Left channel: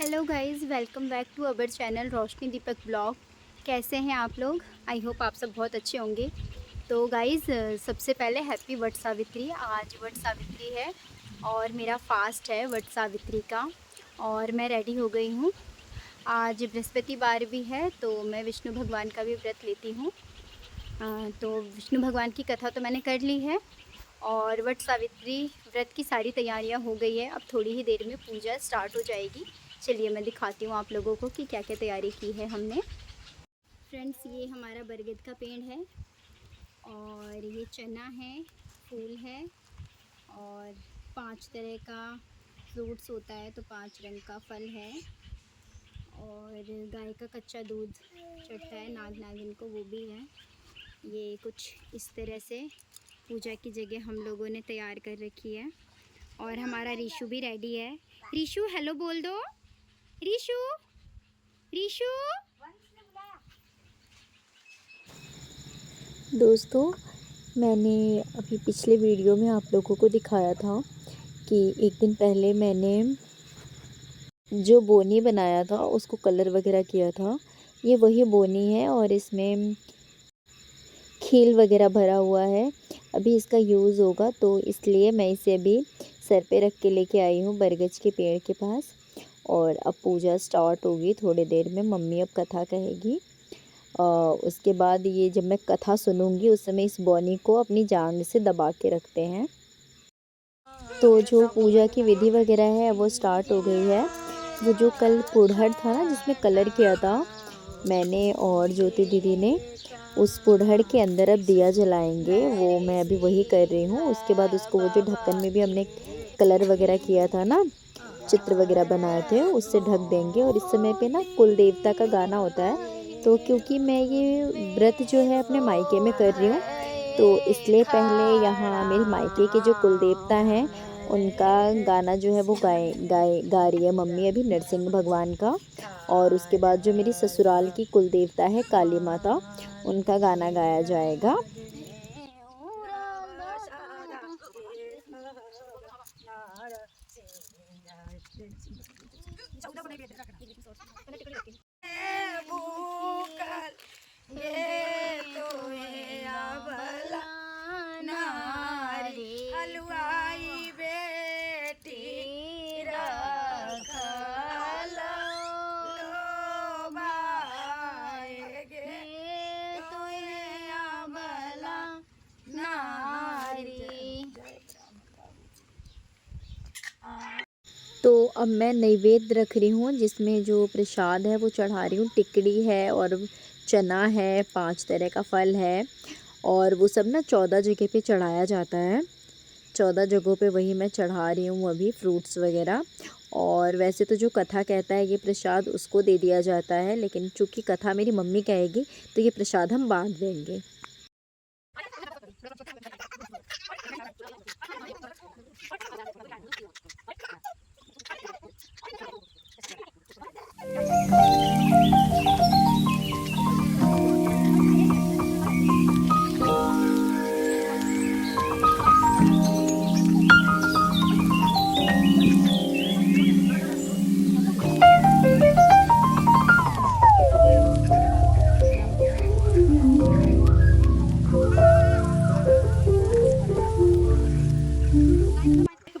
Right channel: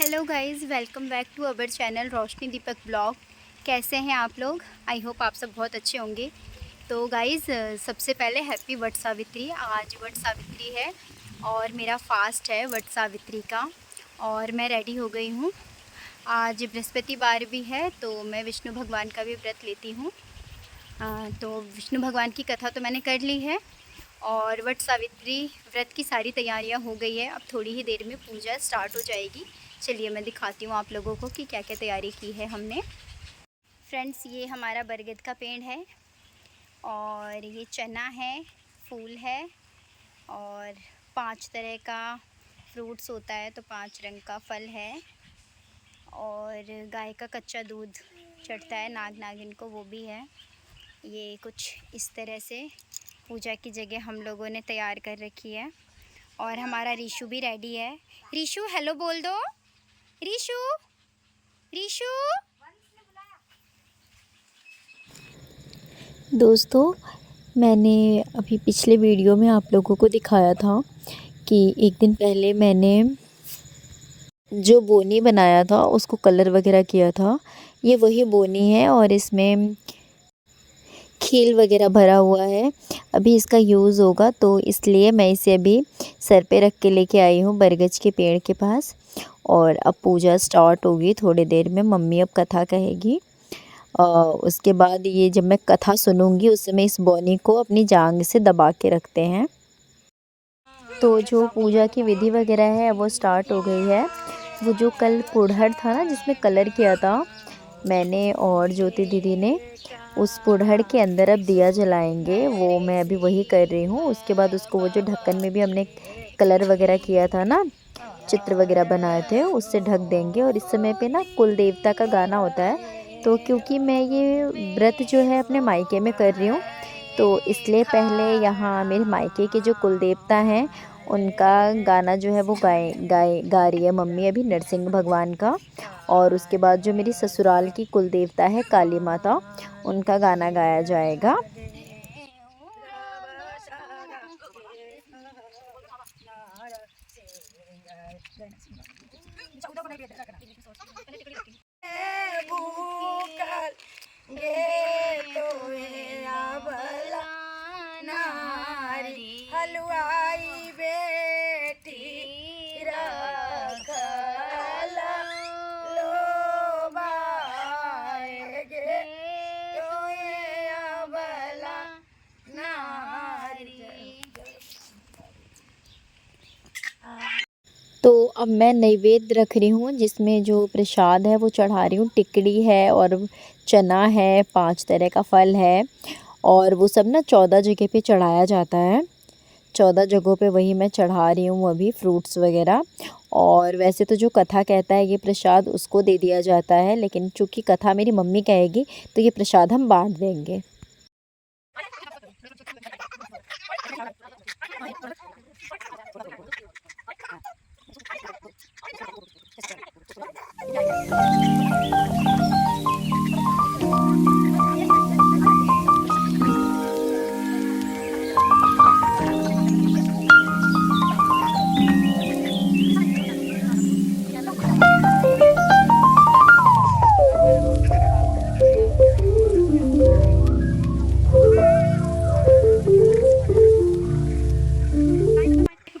Hello guys, welcome back to our channel Roshni Deepak blog. कैसे हैं आप लोग? आई होप आप सब बहुत अच्छे होंगे। तो गाइस, सबसे पहले हैप्पी वट सावित्री। आज वट सावित्री है और मेरा फास्ट है वट सावित्री का, और मैं रेडी हो गई हूँ। आज बृहस्पतिवार भी है तो मैं विष्णु भगवान का भी व्रत लेती हूँ। तो विष्णु भगवान की कथा तो मैंने कर ली है और वट सावित्री व्रत की सारी तैयारियां हो गई है। अब थोड़ी ही देर में पूजा स्टार्ट हो जाएगी। चलिए मैं दिखाती हूँ आप लोगों को कि क्या क्या तैयारी की है हमने। फ्रेंड्स, ये हमारा बरगद का पेड़ है और ये चना है, फूल है और 5 तरह का फ्रूट्स होता है तो 5 रंग का फल है, और गाय का कच्चा दूध चढ़ता है नाग नागिन को, वो भी है। ये कुछ इस तरह से पूजा की जगह हम लोगों ने तैयार कर रखी है। और हमारा रीशु भी रेडी है। रीशु हेलो बोल दो। रीशु, रीशु। दोस्तों, मैंने अभी पिछले वीडियो में आप लोगों को दिखाया था कि एक दिन पहले मैंने जो बोनी बनाया था उसको कलर वगैरह किया था। ये वही बोनी है और इसमें खील वगैरह भरा हुआ है। अभी इसका यूज़ होगा तो इसलिए मैं इसे अभी सर पे रख के लेके आई हूँ बरगद के पेड़ के पास। और अब पूजा स्टार्ट होगी थोड़ी देर में। मम्मी अब कथा कहेगी। उसके बाद ये जब मैं कथा सुनूंगी उस समय इस बोनी को अपनी जांग से दबा के रखते हैं। तो जो पूजा की विधि वगैरह है वो स्टार्ट हो गई है। वो जो कल पुढ़ड़ था ना जिसमें कलर किया था मैंने और ज्योति दीदी ने, उस पुढ़ड़ के अंदर अब दिया जलाएंगे। वो मैं अभी वही कर रही हूँ। उसके बाद उसको वो जो ढक्कन में भी हमने कलर वगैरह किया था ना, चित्र वगैरह बनाए थे, उससे ढक देंगे। और इस समय पे ना कुल देवता का गाना होता है। तो क्योंकि मैं ये व्रत जो है अपने मायके में कर रही हूँ तो इसलिए पहले यहाँ मेरे मायके के जो कुल देवता हैं उनका गाना जो है वो गा रही है मम्मी अभी, नरसिंह भगवान का। और उसके बाद जो मेरी ससुराल की कुल देवता है काली माता, उनका गाना गाया जाएगा। हलवाई बेटी रखलो लोबाएगे तोए अबला नारी। तो अब मैं नैवेद्य रख रही हूँ जिसमें जो प्रसाद है वो चढ़ा रही हूँ। टिकड़ी है और चना है, 5 तरह का फल है, और वो सब ना 14 जगह पे चढ़ाया जाता है। 14 जगहों पे वही मैं चढ़ा रही हूँ अभी, फ्रूट्स वगैरह। और वैसे तो जो कथा कहता है ये प्रसाद उसको दे दिया जाता है, लेकिन चूँकि कथा मेरी मम्मी कहेगी तो ये प्रसाद हम बांट देंगे।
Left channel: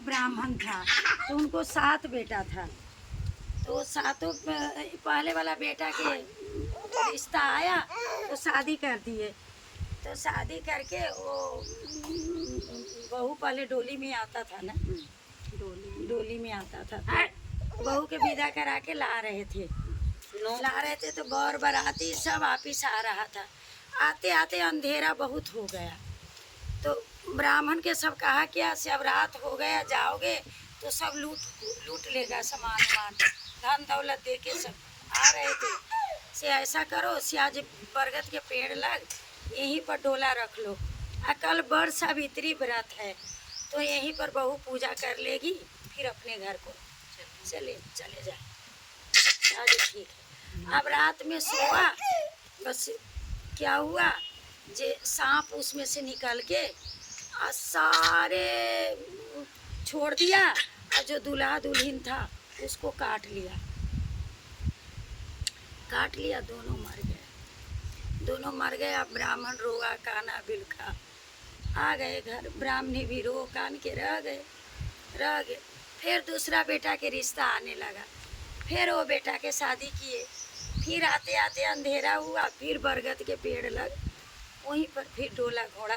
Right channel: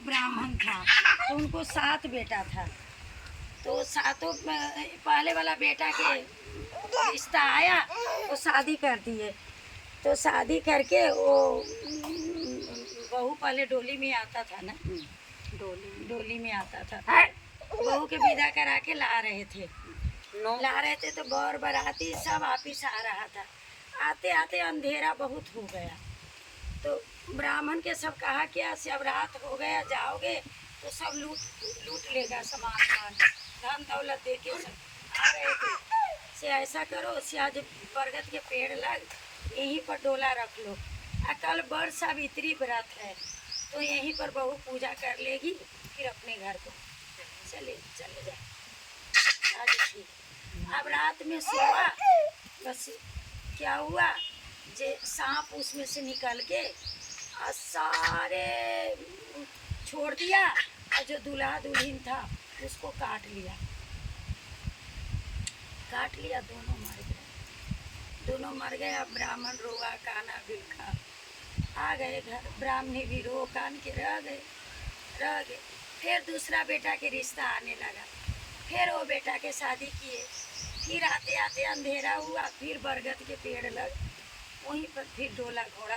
ब्राह्मण था तो उनको 7 बेटा था। तो सातों पहले वाला बेटा के रिश्ता आया तो शादी कर दिए। तो शादी करके वो बहू पहले डोली में आता था ना, डोली में आता था। तो बहू के विदा करा के ला रहे थे तो बर बराती सब वापिस आ रहा था। आते आते अंधेरा बहुत हो गया तो ब्राह्मण के सब कहा कि अब रात हो गया, जाओगे तो सब लूट लेगा सामान वामान, धन दौलत दे के सब आ रहे थे। से ऐसा करो से आज बरगद के पेड़ लग यहीं पर डोला रख लो, कल बड़ सावित्री व्रत है तो यहीं पर बहू पूजा कर लेगी, फिर अपने घर को चले जाए। आज ठीक है। अब रात में सोआ, बस क्या हुआ जे सांप उसमें से निकल के सारे छोड़ दिया और जो दूल्हा दुल्हन था उसको काट लिया। काट लिया, दोनों मर गए। दोनों मर गए। अब ब्राह्मण रोआ, काना बिलखा। आ गए घर, ब्राह्मणी भी रो कान के रह गए। फिर दूसरा बेटा के रिश्ता आने लगा। फिर वो बेटा के शादी किए। फिर आते आते अंधेरा हुआ। फिर बरगद के पेड़ लग, वहीं पर फिर डोला घोड़ा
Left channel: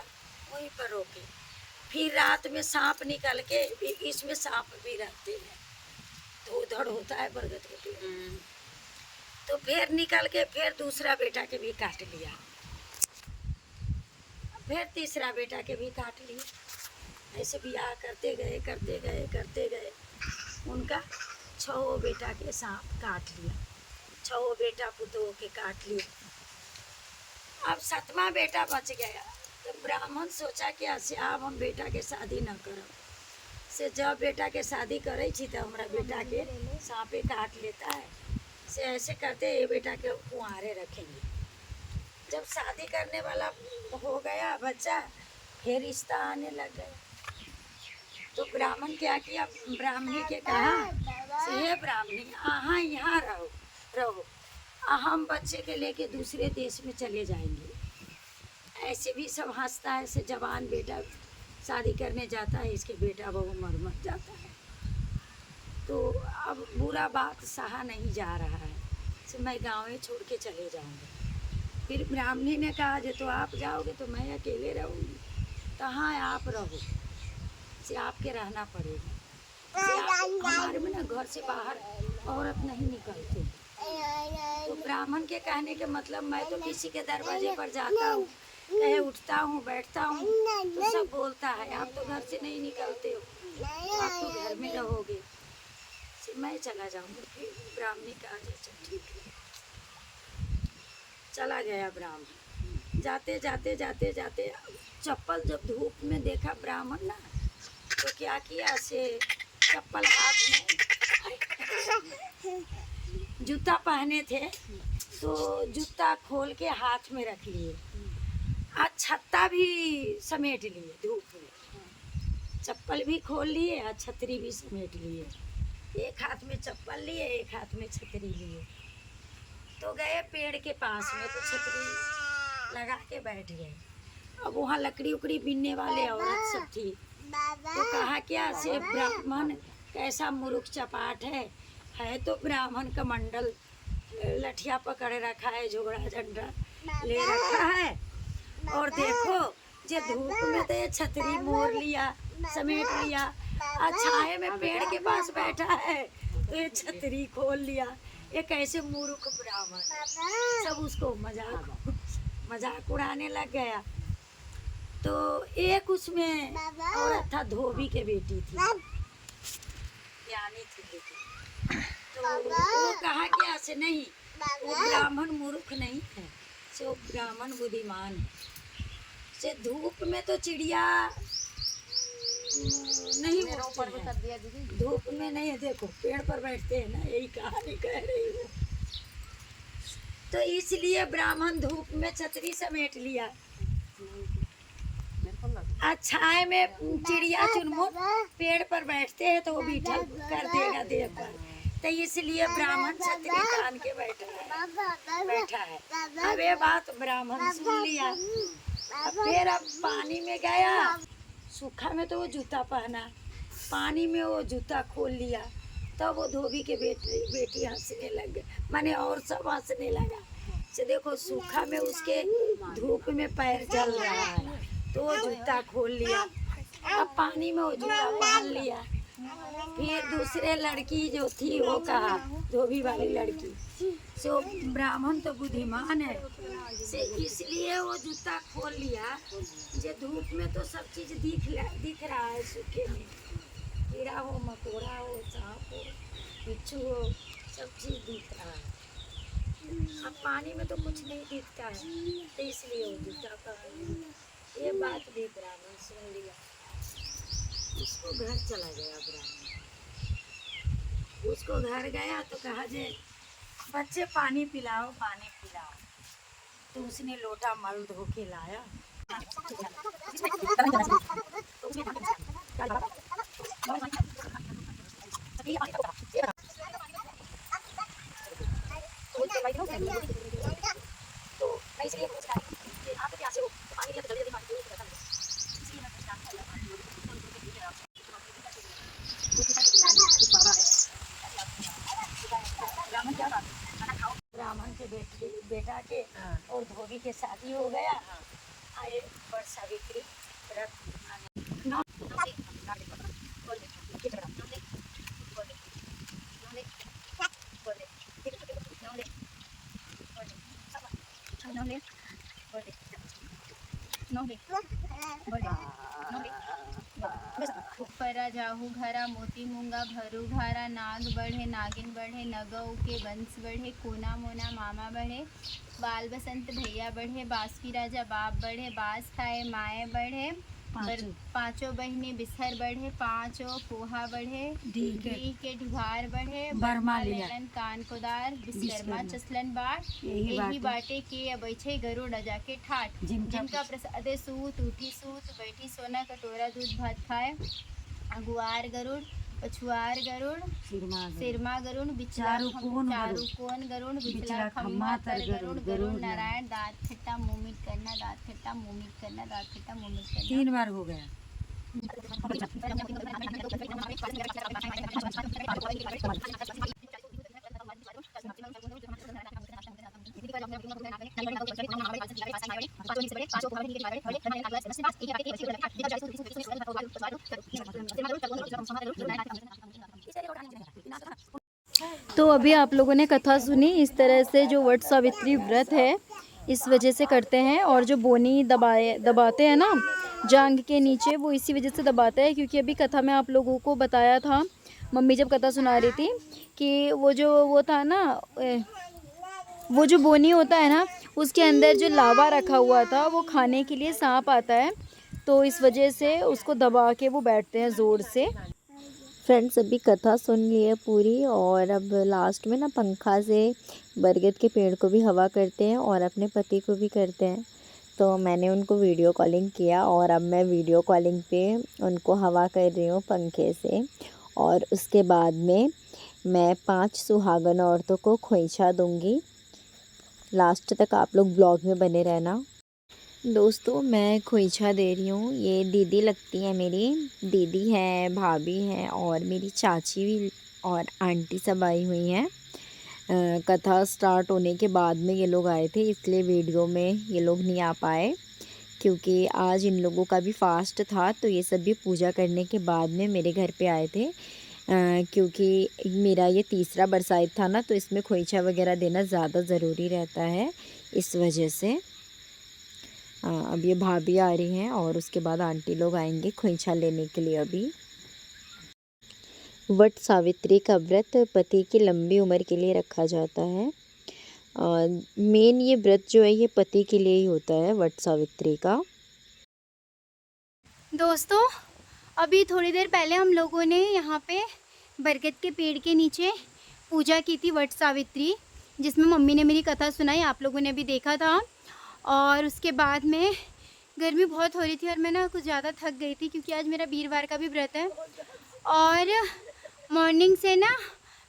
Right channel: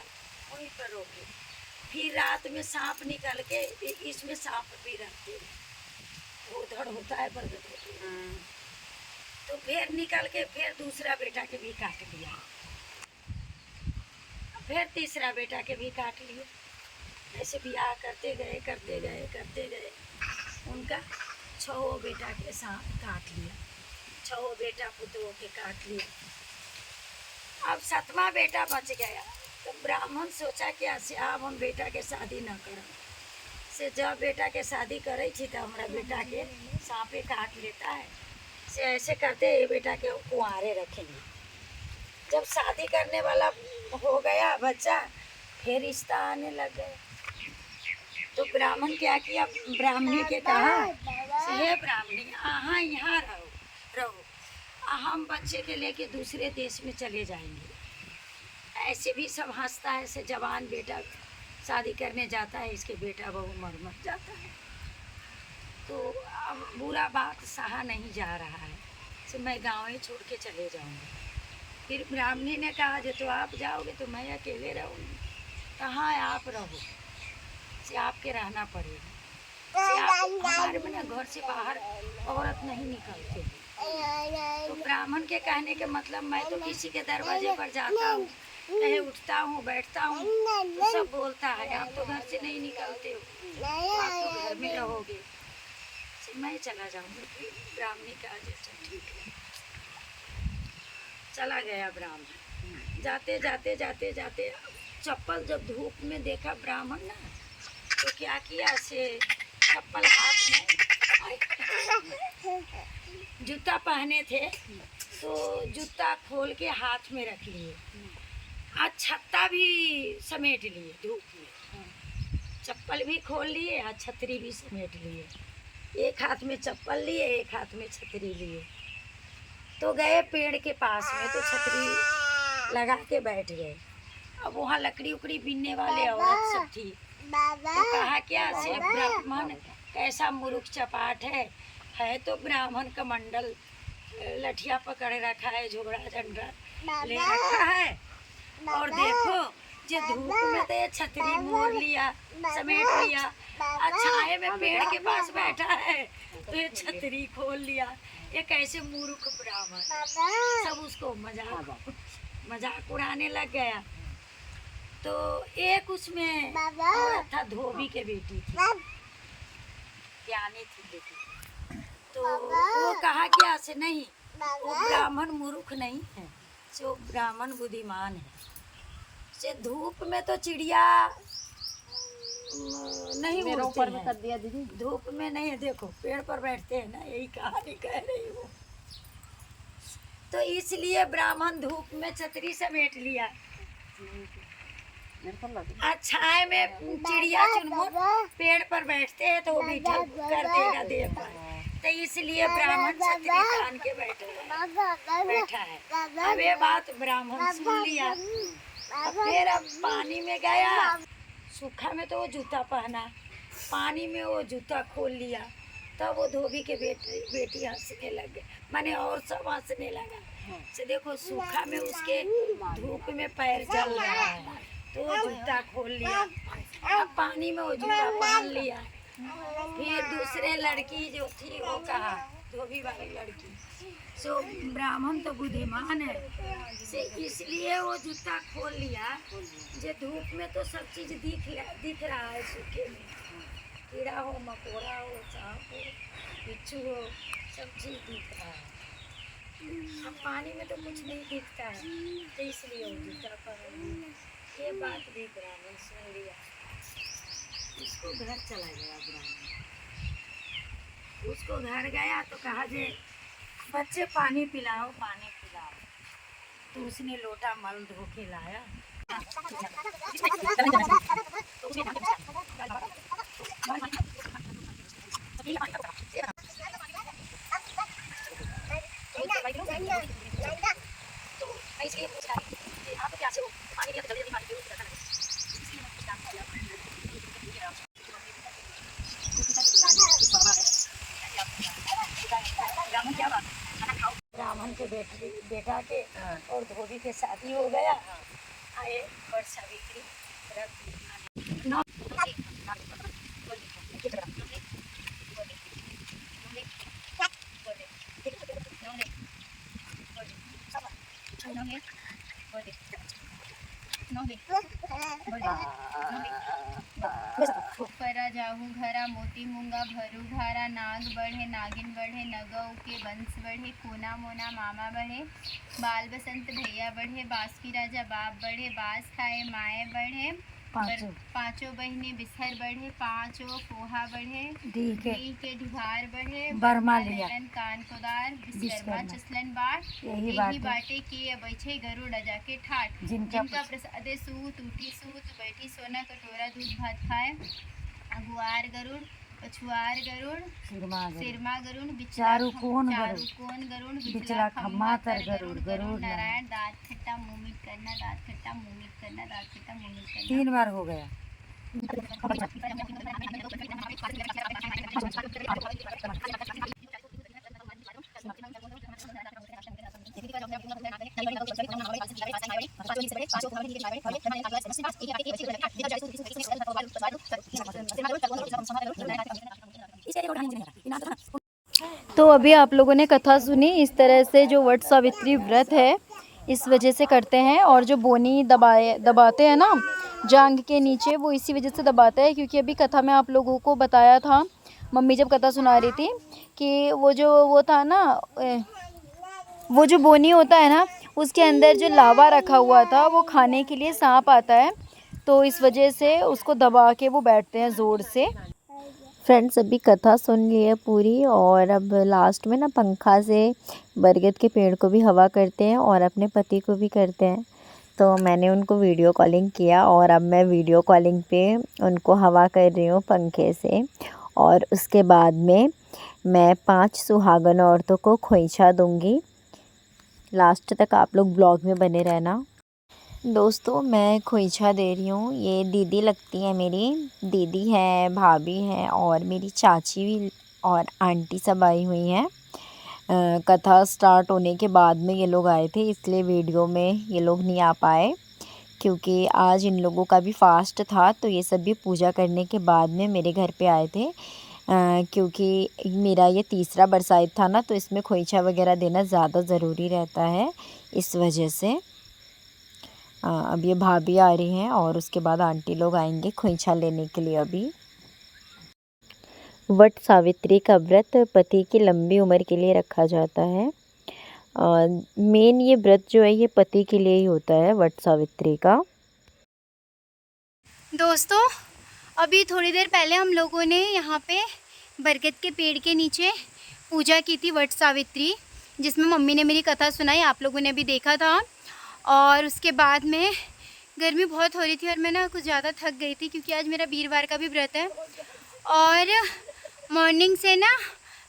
वहीं पर रोके। फिर रात में सांप निकल के, इसमें सांप भी रहते हैं तो उधड़ होता है बरगद के पेड़, तो फिर निकल के फिर दूसरा बेटा के भी काट लिया। फिर तीसरा बेटा के भी काट लिया। ऐसे बियाह करते गए। उनका 6 बेटा के सांप काट लिया। 6 बेटा पुतों के काट लिया। अब 7वां बेटा बच गया। तो ब्राह्मण सोचा कि ऐसे अब हम बेटा के शादी न करब से, जब बेटा के शादी करे थी तो हमारा बेटा के सांपे काट लेता है से, ऐसे करते ये बेटा के कुंवारे रखेंगे। जब शादी करने वाला हो गया बच्चा, फिर रिश्ता आने लग गया। तो ब्राह्मण क्या किया, ब्राह्मणी के कहा से, हे ब्राह्मणी, अहाँ यहाँ रहो, हम बच्चे के लेके दूसरे देश में चले जाएंगे। ऐसे भी सब हंसता है से, जवान बेटा शादी करने जाता है, इसके बेटा बहू मर जाता है। तो अब बुरा बात सहा नहीं जा रहा है से, मैं गाँव ही छोड़ के चले जाऊंगा। फिर ब्राह्मणी ने कहा जे तो आप जाओगे तो मैं अकेले रहूँगी। कहाँ आप रहो से, आपके रहना पड़ेगा से, आप हमारे में ना घर से बाहर औरत नहीं निकलते। तो ब्राह्मण के कहने के मतलब, मैं तो किसी के दरवाजे पर जाता हूँ, कहे उठता हूँ बैठता हूँ तो सब बोलता है आप तो घर से नहीं निकलते हो, तो आप तो घर में रहोगे से, मैं चला जाऊँगा। फिर ब्राह्मणी कहा जैसा ठीक है। चला गया ब्राह्मण। जाते चप्पल जब धूप में देखा ब्राह्मण ना, तो क्या किया से, चप्पल हाथ में, जूता पहने थे तो जूता खोल के हाथ में रख लिए, आज छत्ता भी समेट लिए धूप में, चप्पल भी खोल लिए और छतरी भी समेट लिए। एक हाथ में चप्पल लिए, एक हाथ में छतरी लिए। तो गए पेड़ के पास में, तो छतरी लगा के बैठ गए। अब वहाँ लकड़ी उकड़ी बीनने वाले औरत सब थी। तो कहा क्या से, ब्राह्मण कैसा मूर्ख चपाट है तो ब्राह्मण का मंडल लठिया पकड़ रखा है, झोड़ा झंडा ले रखा है, और देखो जो धूप में तो ये छतरी मोड़ लिया, समेट लिया, और छाए में पेड़ के पास बैठा है तो ये छतरी खोल लिया। ये कैसे मूर्ख ब्राह्मण। सब उसको मजाक उड़ाने लग गया। तो एक उसमें औरत था, धोबी के बेटी थी, ज्ञानी थी बेटी। तो वो कहा क्या से, नहीं वो ब्राह्मण मूर्ख नहीं है से, वो ब्राह्मण बुद्धिमान है से, धूप में तो चिड़िया नहीं उड़ते हैं, धूप में नहीं है, देखो पेड़ पर बैठते हैं ना, यही कहानी कह रही हूँ। तो इसलिए ब्राह्मण धूप में छतरी समेट लिया, छाए में चिड़िया चुनमुन पेड़ पर बैठते हैं तो वो बैठा कर देगा देह पर, तो इसलिए ब्राह्मण छतरी तान के बैठा है। अब ये बात ब्राह्मण सुन लिया। अब पानी में गया, सूखा में तो वो जूता पहना, पानी में वो जूता खोल लिया। तब वो धोबी के बेटी हंसने लग गए, माने और सब हंसने लगा से, देखो सूखा में उसके धूप में पैर जल रहा है तो वो जूता खोल लिया। अब पानी में वो जूता पहन लिया। फिर दूसरे लड़की जो थी वो कहा, धोबी वाली लड़की सो, ब्राह्मण तो बुद्धिमान है से, इसलिए वो जूता खोल लिया। जो धूप में तो सब चीज दिख रहा है, सूखे में कीड़ा हो, मकोड़ा हो, सांप हो, बिच्छू हो, सब चीज दिख रहा है। अब पानी में तो कुछ नहीं दिखता है, तो इसलिए वो जूता पहन लिया। ये बात भी ब्राह्मण सुन लिया। उसको घर चला गया ब्राह्मण। उसको घर गया तो कहा जे बच्चे पानी पिलाओ। तो उसने लोटा मल धो के लाया। तो मैं इसलिए पूछ रहा हूँ कि आप तो प्यासे हो, तो पानी लिया तो जल्दी जल्दी पानी पियो, ज़्यादा लगे। इसलिए मैं पूछ रहा हूँ यार, पानी ब्राह्मण क्या बात है, खाना खाओ। ब्राह्मण के बेटा के और धोबी के शादी हो गया, आए वट सावित्री व्रत उपरा जाहू घरा मोती मूंगा भरू घारा नाग बढ़े नागिन बढ़े नगौ के वंश बढ़े कोना मोना मामा बढ़े बाल बसंत भैया बढ़े बांस की राजा बाप बढ़े बांस खाए माए बढ़े पांचों बहने बिसहर बढ़े पांचों पोहा बढ़े डी के ढिभार बढ़े बर्मा लेलन कान कोदार विश्वकर्मा चसलन बाट यही बाटे के अबैछे गरुड़ जाके ठाठ जिनका प्रसादे सूत उठी सूत बैठी सोना कटोरा दूध भात खाए अगुआर गरुड़ पछुआर गरुड़ सिरमा गरुड़ चारू कोन गरुड़ बिचला खम्मा तर गरुड़ गरुड़ नारायण दांत खट्टा मुंह मीठ करना दांत खट्टा मुंह मीठ करना दांत खट्टा मुंह मीठ करना 3 बार हो गया। तो अभी आप लोगों ने कथा सुनी। इस तरह से जो वट सावित्री व्रत है इस वजह से करते हैं, और जो बोनी दबाते हैं ना जांघ के नीचे, वो इसी वजह से दबाते हैं क्योंकि अभी कथा में आप लोगों को बताया था, मम्मी जब कथा सुना रही थी कि वो था ना, वो जो बोनी होता है ना उसके अंदर जो लावा रखा हुआ था वो खाने के लिए सांप आता है, तो इस वजह से उसको दबा के वो बैठते हैं ज़ोर से। फ्रेंड्स अभी कथा सुन ली है पूरी, और अब लास्ट में ना पंखा से बरगद के पेड़ को भी हवा करते हैं और अपने पति को भी करते हैं। तो मैंने उनको वीडियो कॉलिंग किया और अब मैं वीडियो कॉलिंग पे उनको हवा कर रही हूँ पंखे से, और उसके बाद में मैं 5 सुहागन औरतों को खोइंछा दूँगी। लास्ट तक आप लोग ब्लॉग में बने रहना। दोस्तों मैं खोइंछा दे रही हूँ, ये दीदी लगती है, मेरी दीदी है, भाभी है और मेरी चाची भी और आंटी सब आई हुई हैं। कथा स्टार्ट होने के बाद में ये लोग आए थे, इसलिए वीडियो में ये लोग नहीं आ पाए क्योंकि आज इन लोगों का भी फास्ट था, तो ये सब भी पूजा करने के बाद में मेरे घर पे आए थे। क्योंकि मेरा ये तीसरा बरसाइत था ना, तो इसमें खोइंछा वगैरह देना ज़्यादा ज़रूरी रहता है, इस वजह से। अब ये भाभी आ रही हैं और उसके बाद आंटी लोग आएंगे खोइंछा लेने के लिए। अभी वट सावित्री का व्रत पति की लंबी उम्र के लिए रखा जाता है। मेन ये व्रत जो है ये पति के लिए ही होता है, वट सावित्री का। दोस्तों अभी थोड़ी देर पहले हम लोगों ने यहाँ पे बरगद के पेड़ के नीचे पूजा की थी वट सावित्री, जिसमें मम्मी ने मेरी कथा सुनाई, आप लोगों ने भी देखा था। और उसके बाद में गर्मी बहुत हो रही थी और मैं ना कुछ ज़्यादा थक गई थी क्योंकि आज मेरा वीरवार का भी व्रत है, और मॉर्निंग से ना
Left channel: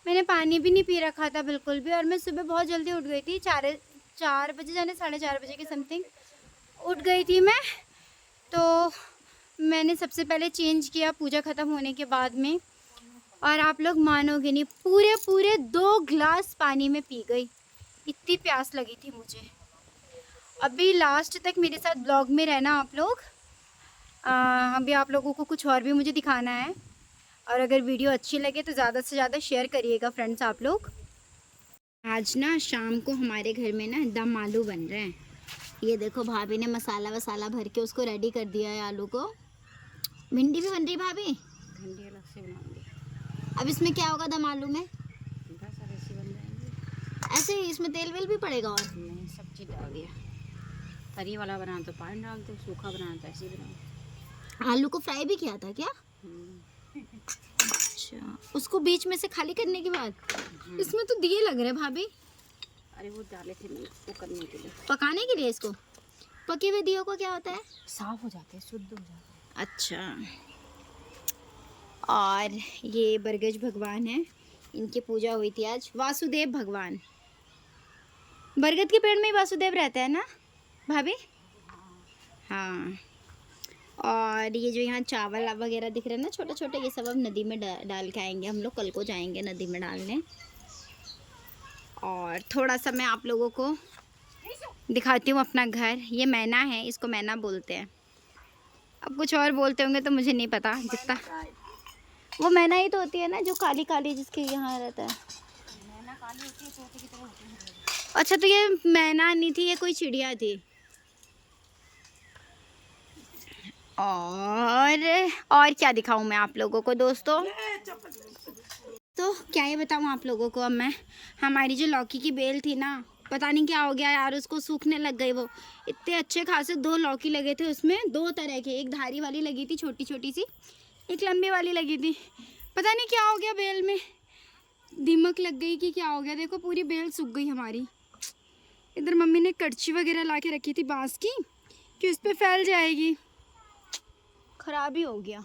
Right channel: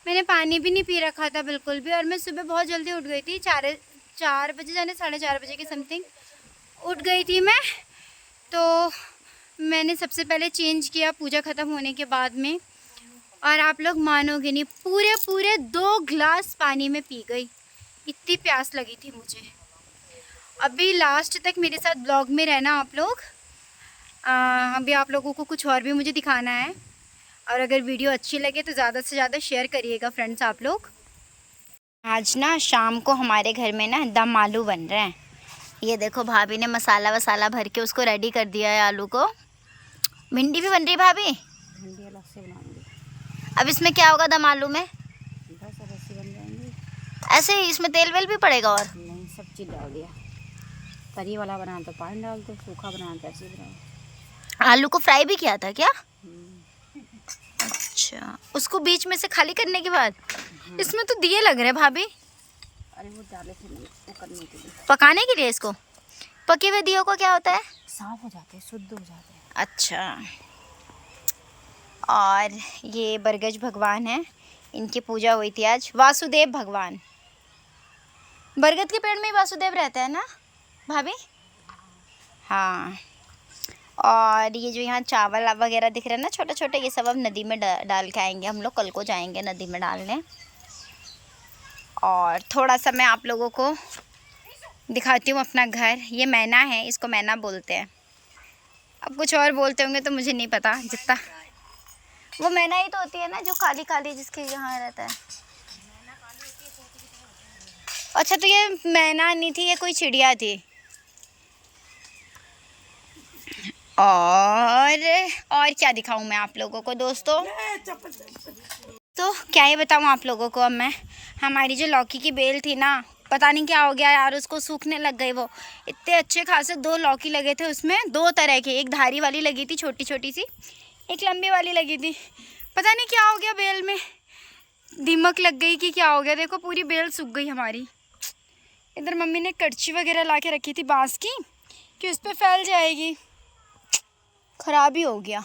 मैंने पानी भी नहीं पी रखा था बिल्कुल भी, और मैं सुबह बहुत जल्दी उठ गई थी, 4 बजे जाने 4:30 बजे के समथिंग उठ गई थी मैं। तो मैंने सबसे पहले चेंज किया पूजा ख़त्म होने के बाद में, और आप लोग मानोगे नहीं, पूरे 2 गिलास पानी में पी गई, इतनी प्यास लगी थी मुझे। अभी लास्ट तक मेरे साथ ब्लॉग में रहना आप लोग। अभी आप लोगों को कुछ और भी मुझे दिखाना है, और अगर वीडियो अच्छी लगे तो ज़्यादा से ज़्यादा शेयर करिएगा फ्रेंड्स आप लोग। आज ना शाम को हमारे घर में ना दम आलू बन रहे हैं। ये देखो भाभी ने मसाला वसाला भर के उसको रेडी कर दिया है आलू को। भिंडी भी बन रही भाभी? भिंडी अलग से बनाऊंगी। अब इसमें क्या होगा दम आलू में? बस ऐसे बन जाएंगे। ऐसे ही इसमें तेल वेल भी पड़ेगा? और नहीं, सब चीज़ डाल दिया। तरी वाला बनाना तो पानी डाल दो, सूखा बनाना तो ऐसे ही बनाओ। आलू को फ्राई भी किया था क्या? अच्छा, उसको बीच में से खाली करने के बाद इसमें तो दिए लग रहे हैं भाभी। अरे वो डाले थे वो करने के लिए, पकाने के लिए। इसको पके हुए दियों को क्या होता है? साफ हो जाते हैं, शुद्ध हो जाते हैं। अच्छा, और ये बरगज भगवान है, इनकी पूजा हुई थी आज, वासुदेव भगवान। बरगद के पेड़ में ही वासुदेव रहता है ना भाभी? हाँ। और ये जो यहाँ चावल वगैरह दिख रहे हैं ना छोटे छोटे, ये सब अब नदी में डाल के आएंगे हम लोग। कल को जाएंगे नदी में डालने। और थोड़ा सा मैं आप लोगों को दिखाती हूँ अपना घर। ये मैना है, इसको मैना बोलते हैं। अब कुछ और बोलते होंगे तो मुझे नहीं पता जितना। वो मैना ही तो होती है ना जो काली काली जिसके यहाँ रहता है। अच्छा तो ये मैना नहीं थी, ये कोई चिड़िया थी। और क्या दिखाऊं मैं आप लोगों को दोस्तों? तो क्या ही बताऊं आप लोगों को अब मैं। हमारी जो लौकी की बेल थी ना, पता नहीं क्या हो गया यार, उसको सूखने लग गई। वो इतने अच्छे खासे 2 लौकी लगे थे उसमें, 2 तरह के। एक धारी वाली लगी थी छोटी छोटी सी, एक लंबी वाली लगी थी। पता नहीं क्या हो गया बेल में, दीमक लग गई कि क्या हो गया। देखो पूरी बेल सूख गई हमारी। इधर मम्मी ने कड़छी वगैरह ला के रखी थी बाँस की कि उस पर फैल जाएगी, ख़राब ही हो गया।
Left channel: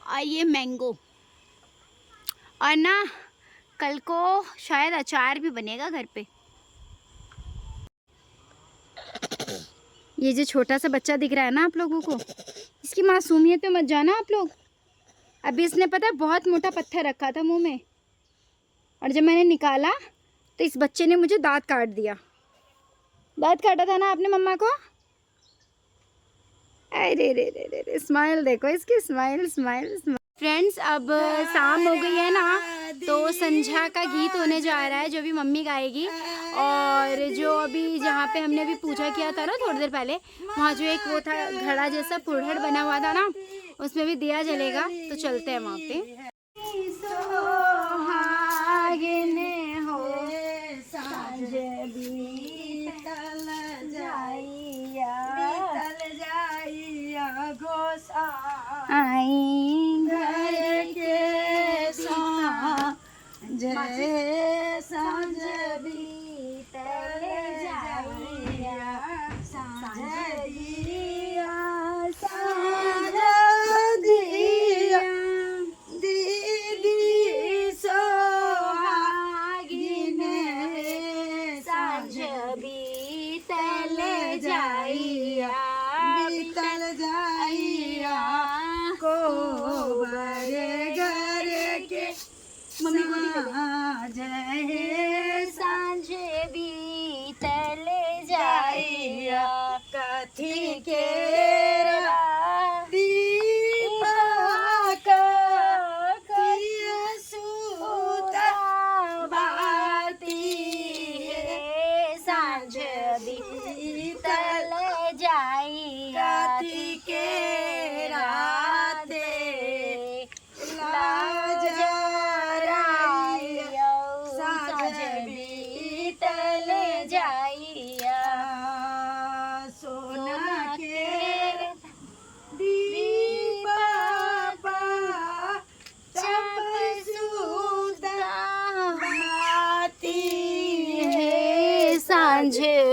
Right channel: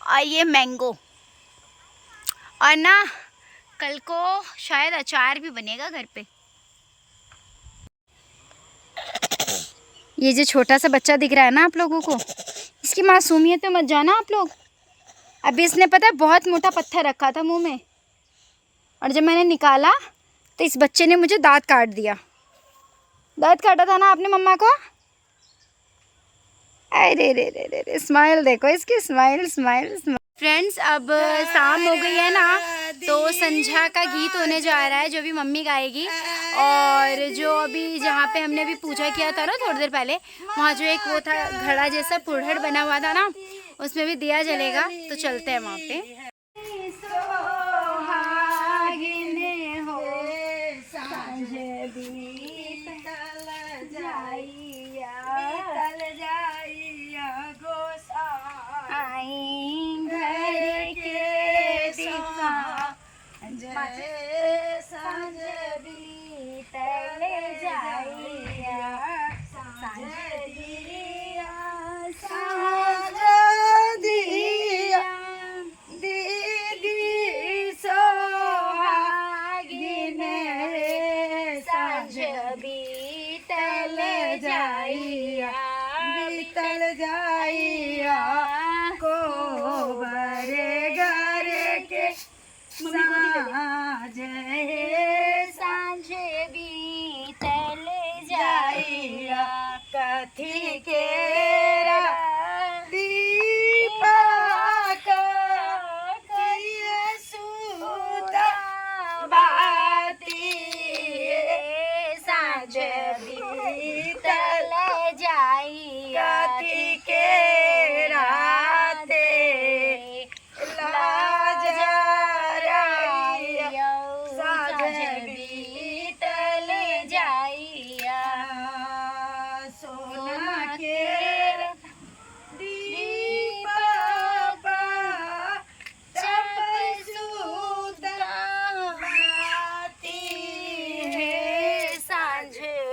और ये मैंगो, और ना कल को शायद अचार भी बनेगा घर पे। ये जो छोटा सा बच्चा दिख रहा है ना आप लोगों को, इसकी मासूमियत पे मत जाना आप लोग। अभी इसने पता है बहुत मोटा पत्थर रखा था मुंह में, और जब मैंने निकाला तो इस बच्चे ने मुझे दांत काट दिया। दांत काटा था ना आपने मम्मा को? अरे रे रे रे रे, स्माइल देखो इसकी, स्माइल स्माइल स्माइल। फ्रेंड्स अब शाम हो गई है ना, तो संध्या का गीत होने जा रहा है जो भी मम्मी गाएगी। और जो अभी जहाँ पे हमने अभी पूजा किया था ना थोड़ी देर पहले, वहाँ जो एक वो था घड़ा जैसा पुढ़ड़ बना हुआ था ना, उसमें भी दिया जलेगा। तो चलते हैं वहाँ पे। सांझ बीतल जाइया, सांझ दिया, सांझ दिया, दीदी सोहागिन सांझ बीतल जाइया, बीतल जाइया, कोबर घर के साँझ सांझ बीतल जाइया, कथी के दीपक सुता बाती, सांझ बीतल जाइया, कथी के राते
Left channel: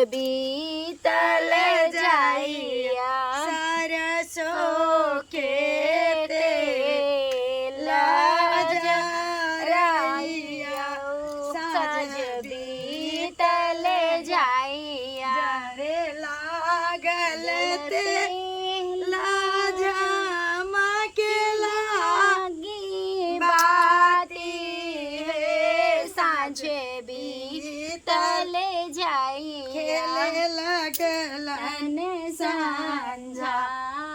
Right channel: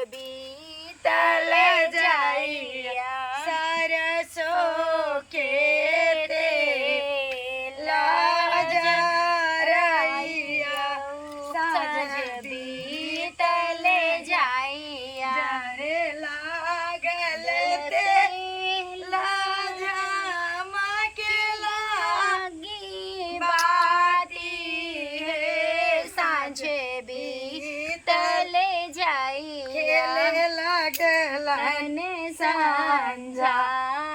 बीतल जाइया, सरसों के तेला जराइया, सांझ बीतल जाइया, रे लागल तेला के लागी बाती, सांझ बीतल जाइया, लगलन सांझा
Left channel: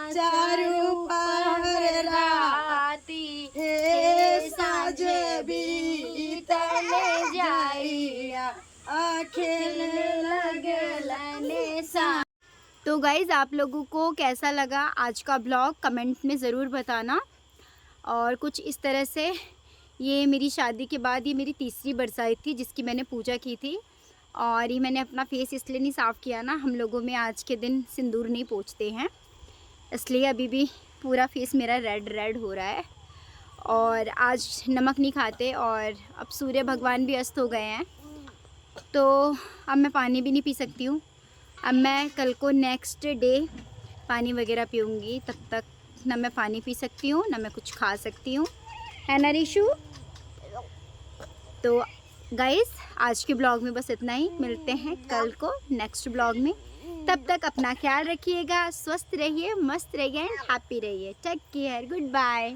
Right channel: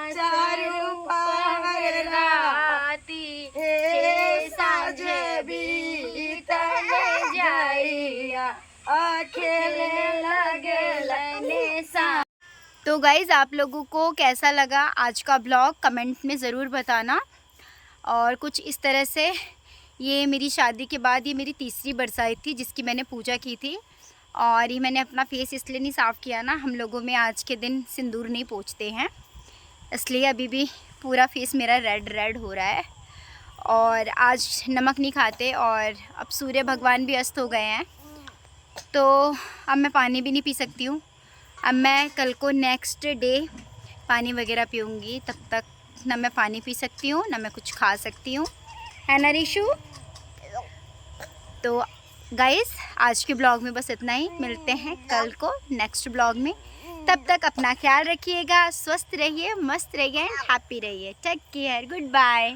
चारू पहर राती, हे साँझ बीतल जाइया, खेले लगलन सांझ। तो गाइज़ आप लोगों को कैसा लगा आज का ब्लॉग कमेंट में ज़रूर बताना। और कुछ इस तरह से ये मेरी शादी के बाद ये मेरी तीसरी बरसात थी जिसकी मैंने पूजा की थी। और ये मैंने अपना फेस इसलिए नहीं साफ़ किया ना, हम लोगों में आज के दिन सिंदूर नहीं पोंछते हैं, इसलिए अभी भी पूरा फेस मेरा रेड रेड हो रहा है। और आज नमक नहीं खाते, और अब सूर्य भगवान भी अस्त हो गए हैं, तो अब मैं पानी भी नहीं पी सकती हूँ। अब मैं कल को नेक्स्ट डे पानी वगैरह पीऊँगी, तब तक ना मैं पानी पी सकती हूँ ना मैं कुछ खा सकती हूँ, है ना रिशु? तो गाइस आज के ब्लॉग में बस इतना ही, मिलते हैं कल को नेक्स्ट ब्लॉग में। तब तक अपना ख्याल रखिएगा, स्वस्थ रहिए, मस्त रहिए एंड हैप्पी रहिए। Take care, good bye.